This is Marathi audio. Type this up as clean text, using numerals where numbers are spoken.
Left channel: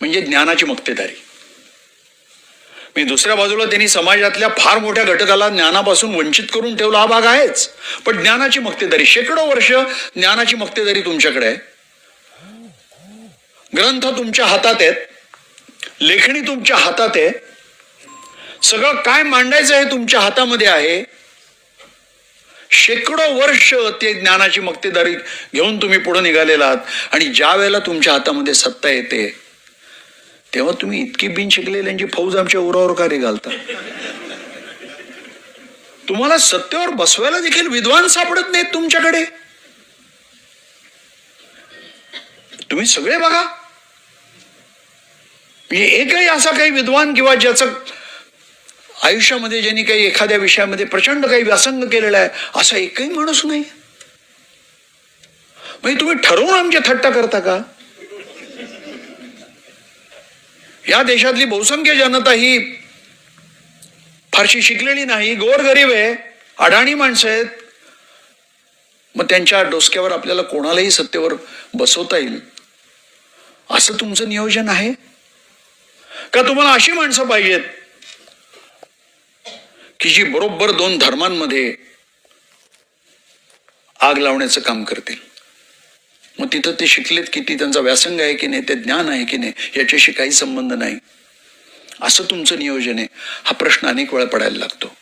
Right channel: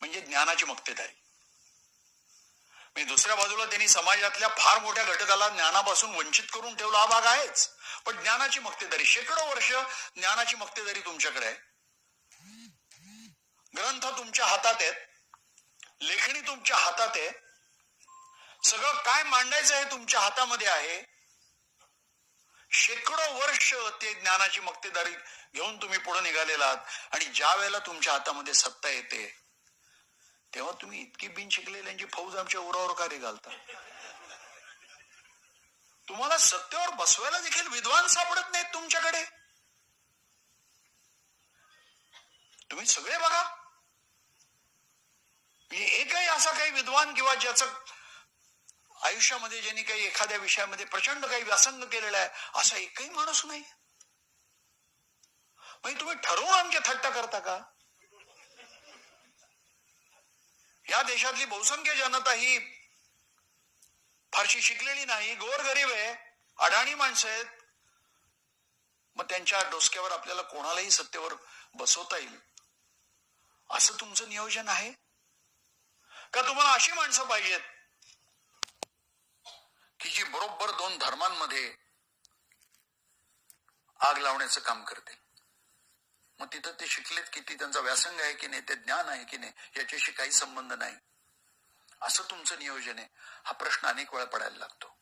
म्हणजे ज्ञानाची मक्तेदारी. मी दुसऱ्या बाजूला त्यांनी समाजातल्या फार मोठ्या घटकाला ज्ञानापासून वंचित करून ठेवला, हा भाग आहेच. पण ज्ञानाची मक्तेदारी, शेकडो वर्ष ज्ञानाची मक्तेदारी तुमच्याकडे आहे. ग्रंथ तुमच्या हातात आहेत, लेखणी तुमच्या हातात आहे, सगळं काय मांडायचं हे तुमच्या हातामध्ये आहे. शेकडो वर्ष ते ज्ञानाची मक्तेदारी घेऊन तुम्ही पुढे निघालेला आहात आणि ज्या वेळेला तुमच्या हातामध्ये सत्ता येते तेव्हा तुम्ही इतकी बिन शिकलेल्यांची फौज आमच्या उरावर का रे घालता? तुम्हाला सत्तेवर बसवायला देखील विद्वान सापडत नाहीत तुमच्याकडे. तुम्ही सगळे बघा, म्हणजे एकही असा काही विद्वान किंवा ज्याचं आयुष्यामध्ये ज्यांनी काही एखाद्या विषयामध्ये प्रचंड काही व्यासंग केलेला आहे असा एकही माणूस नाही. म्हणजे तुम्ही ठरवून आमची थट्टा करता का? या देशातली बहुसंख्य जनता ही फारशी शिकलेली नाही, गोरगरीब आहे, अडाणी माणसं आहेत. मग त्यांच्या डोसक्यावर आपल्याला कोणालाही सत्तेवर बसवता येईल असं तुमचं नियोजन आहे का? तुम्हाला अशी माणसं पाहिजेत की जी बरोबर दोन धर्मांमध्ये आग लावण्याचं काम करतील? मग तिथं ते शिकलेत किती, त्यांचा व्यासंग आहे की नाही, ते ज्ञान आहे की नाही, याच्याशी काही संबंध नाही. असं तुमचं नियोजन आहे? हा प्रश्न अनेक वेळा पडायला लागतो.